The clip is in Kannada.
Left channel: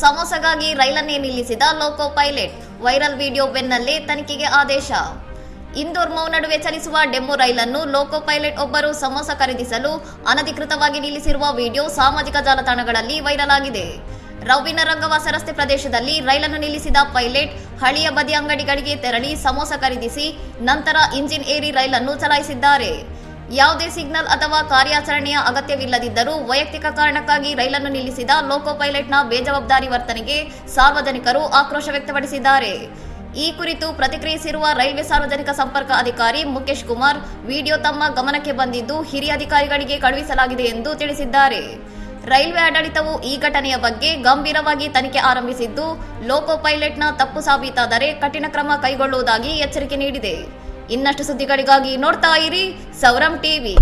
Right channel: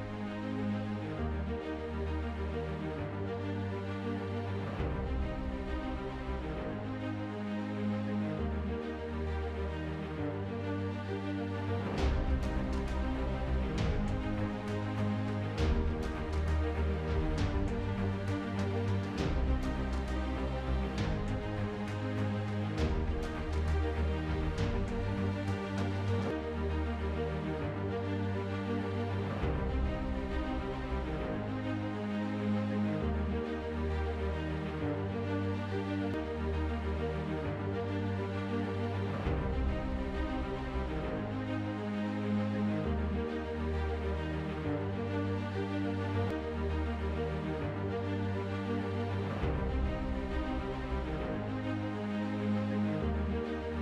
ಸಮೋಸಗಾಗಿ ರೈಲನ್ನೇ ನಿಲ್ಲಿಸಿದ ಲೋಕೋ ಪೈಲಟ್. ವೈರಲ್ ವಿಡಿಯೋ ಬೆನ್ನಲ್ಲೇ ತನಿಖೆಗೆ ಆದೇಶ. ಇಂದೋರ್ ಮೌ ನಡುವೆ ಚಲಿಸುವ ಡೆಮೋ ರೈಲನ್ನು ಲೋಕೋ ಪೈಲಟ್ ಒಬ್ಬರು ಸಮೋಸ ಖರೀದಿಸಲು ಅನಧಿಕೃತವಾಗಿ ನಿಲ್ಲಿಸಿರುವ ವಿಡಿಯೋ ಸಾಮಾಜಿಕ ಜಾಲತಾಣಗಳಲ್ಲಿ ವೈರಲ್ ಆಗಿದೆ. ರೌಬಿನ ರಂಗವಾಸ ರಸ್ತೆ ಪ್ರದೇಶದಲ್ಲಿ ರೈಲನ್ನು ನಿಲ್ಲಿಸಿದ ಪೈಲಟ್ ಹಳಿಯ ಬದಿ ಅಂಗಡಿಗಳಿಗೆ ತೆರಳಿ ಸಮೋಸ ಖರೀದಿಸಿ ನಂತರ ಇಂಜಿನ್ ಏರಿ ರೈಲನ್ನು ಚಲಾಯಿಸಿದ್ದಾರೆ. ಯಾವುದೇ ಸಿಗ್ನಲ್ ಅಥವಾ ಕಾರ್ಯಾಚರಣೆಯ ಅಗತ್ಯವಿಲ್ಲದಿದ್ದರೂ ವೈಯಕ್ತಿಕ ಕಾರಣಕ್ಕಾಗಿ ರೈಲನ್ನು ನಿಲ್ಲಿಸಿದ ಲೋಕೋ ಪೈಲಟ್ನ ಬೇಜವಾಬ್ದಾರಿ ವರ್ತನೆಗೆ ಸಾರ್ವಜನಿಕರು ಆಕ್ರೋಶ ವ್ಯಕ್ತಪಡಿಸಿದ್ದಾರೆ. ಈ ಕುರಿತು ಪ್ರತಿಕ್ರಿಯಿಸಿರುವ ರೈಲ್ವೆ ಸಾರ್ವಜನಿಕ ಸಂಪರ್ಕ ಅಧಿಕಾರಿ ಮುಖೇಶ್ ಕುಮಾರ್, ವಿಡಿಯೋ ತಮ್ಮ ಗಮನಕ್ಕೆ ಬಂದಿದ್ದು ಹಿರಿಯ ಅಧಿಕಾರಿಗಳಿಗೆ ಕಳುಹಿಸಲಾಗಿದೆ ಎಂದು ತಿಳಿಸಿದ್ದಾರೆ. ರೈಲ್ವೆ ಆಡಳಿತವು ಈ ಘಟನೆಯ ಬಗ್ಗೆ ಗಂಭೀರವಾಗಿ ತನಿಖೆ ಆರಂಭಿಸಿದ್ದು, ಲೋಕೋ ಪೈಲಟ್ನ ತಪ್ಪು ಸಾಬೀತಾದರೆ ಕಠಿಣ ಕ್ರಮ ಕೈಗೊಳ್ಳುವುದಾಗಿ ಎಚ್ಚರಿಕೆ ನೀಡಿದೆ. ಇನ್ನಷ್ಟು ಸುದ್ದಿಗಳಿಗಾಗಿ ನೋಡ್ತಾ ಇರಿ ಸೌರಂ ಟಿವಿ.